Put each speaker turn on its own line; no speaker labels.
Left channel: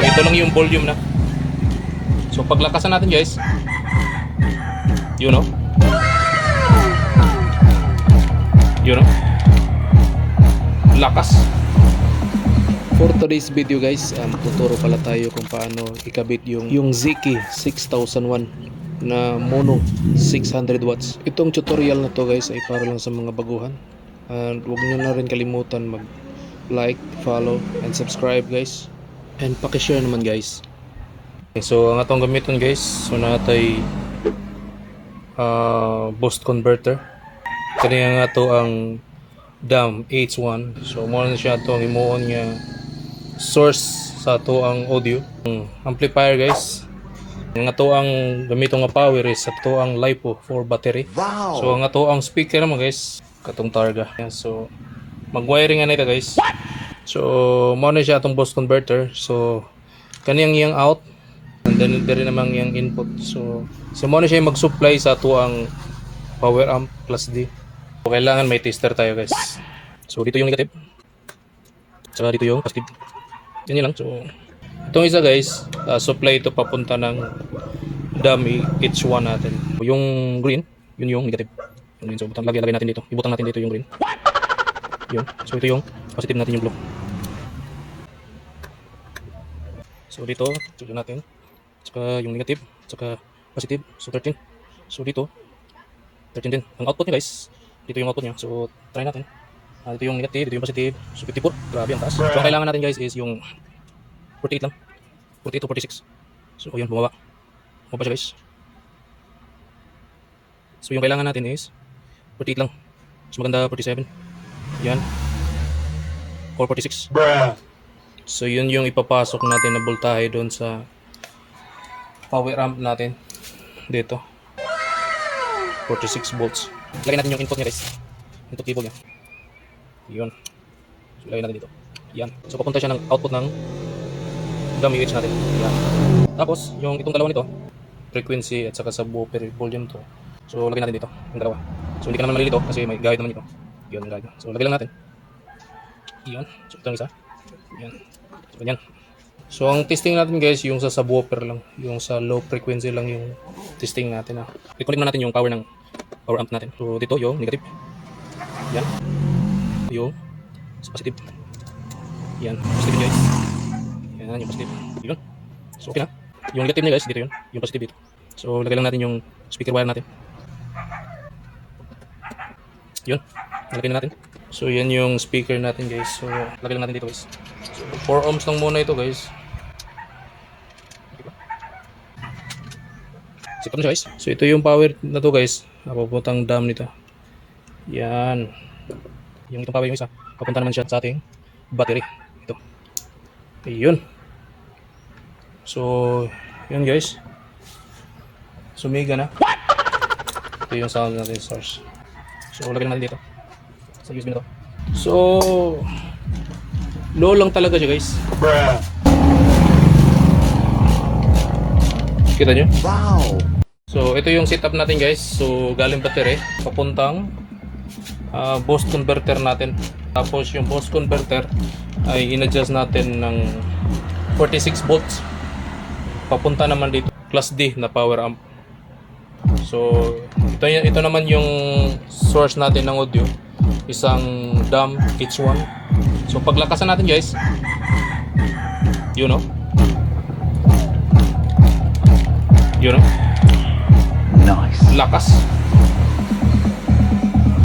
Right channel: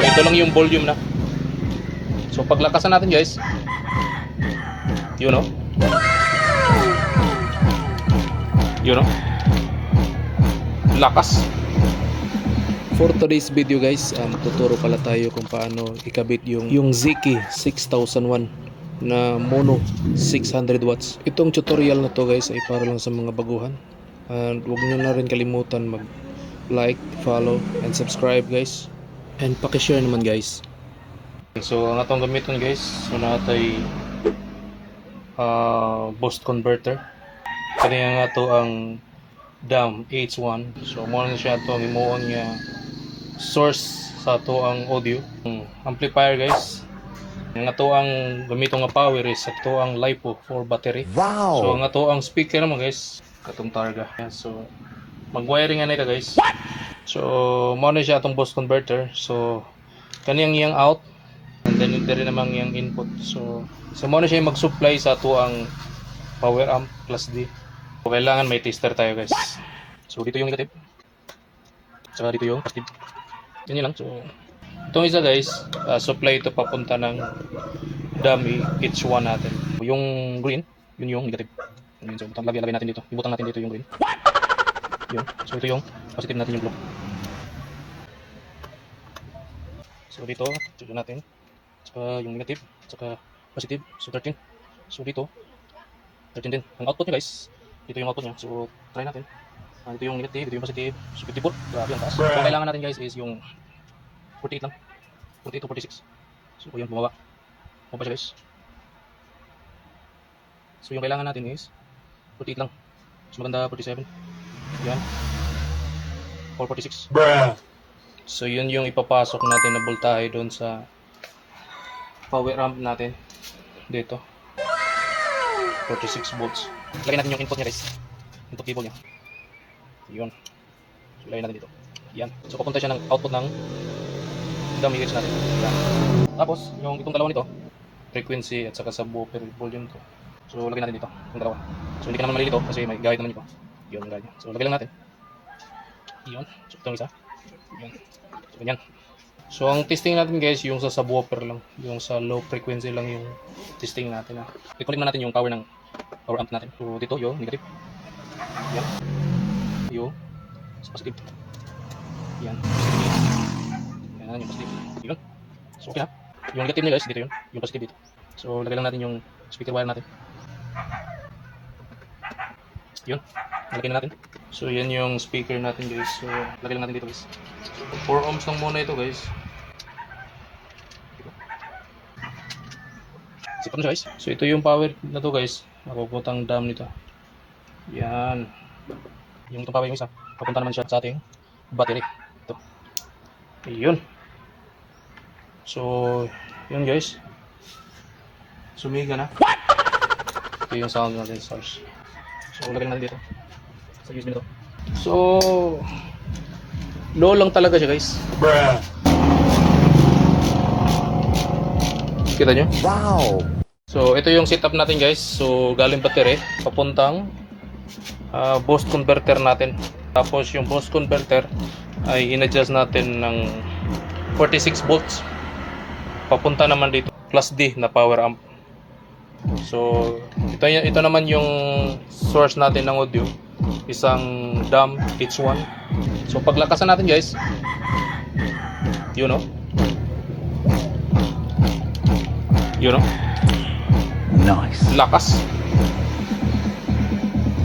So ito lang yung volume na. So paglakasan natin guys. Yun know. Yun know. Lakas. For today's video guys, um, tuturo pala tayo kung paano ikabit yung yung Ziki 6001 na mono 600 watts. Itong tutorial na to guys ay para lang sa mga baguhan. And huwag nyo na rin kalimutan mag like, follow, and subscribe guys. And pakishare naman guys. So ang atong gamiton guys, so natay uh, boost converter. Kaniya nga to ang DAM H1. So mo na siya to ang imuon nga source sa to ang audio. Ang amplifier guys. Ang ato ang gamito nga power is sa to ang LiPo for battery. So ang ato ang speaker naman guys, katong Targa. So mag-wiring na ito guys. So mo na siya atong boost converter. So kaniyang iyang out and then diri naman yung input. So so mo na siya mag-supply sa to ang power amp plus D. So kailangan may tester tayo guys. So dito yung negative. So dito yung positive. Yun yun lang. So itong isa guys, uh, supply ito papunta ng dummy H1 natin. Yung green, yun yung negative. Yun. So butang lagay natin dito. Ibutang natin dito yung green. Yun. So ito yung positive natin yung block. So dito, tignan natin. Saka yung negative, saka positive. So 13. So dito, 13 din. Ang output niya guys, dito yung output niya. So try natin. Ah, dito yung negative, dito yung positive. So 54. Grabe ang taas. So ang kailangan natin guys is yung 48 lang. 48 to 46. So yun, bumaba. Bumaba siya guys. So yung kailangan natin is 48 lang. Mas maganda 47. Yan. Or 46. So yun yung ipapasok natin na voltahe doon sa power amp natin. Dito. 46 volts. Lagyan natin yung input niya guys. Input cable niya. Yun. So lagyan natin dito. Yan. So papunta siya ng output ng H natin. Yan. Tapos yung itong dalawa nito, frequency at saka subwoofer volume to. So lagyan natin dito, yung dalawa. So hindi ka naman malilito kasi may guide naman ito. Yun ang guide. So lagyan lang natin. Yun. So ito ang isa. Yan. So ganyan. So ang testing natin guys, yung sa subwoofer lang. Yung sa low frequency lang yung testing natin. Ha. I-connect na natin yung power ng power amp natin. So dito yung negative. Yan. Yung positive. Yan. Positive guys. Yan yung positive. Yun. So okay na. Yung negative niya guys, dito yun. Yung positive dito. So lagay lang natin yung speaker wire natin. Yun. Nalagay na natin. So yan yung speaker natin guys. So lagay lang natin dito guys. So 4 ohms lang muna ito guys. Sakto na siya guys. So ito yung power na to guys. Napaputang dam nito. Yan. Yung itong power yung isa. Papunta naman siya sa ating battery. Ito. Ayun. So, yun guys. Sumiga na. Ito yung sound natin source. So, lagyan natin dito. Sa USB na to. So, low lang talaga siya guys. Kita nyo? So, ito yung setup natin guys. So, galing battery, papuntang ah, boost converter natin. Tapos yung boost converter ay in-adjust natin ng 46 volts. Papunta naman dito plus D na power amp. So, ito, ito naman yung source natin ng audio. Isang DAM H1. So, paglakasan natin guys, you know, you know,
Nice.
lakas.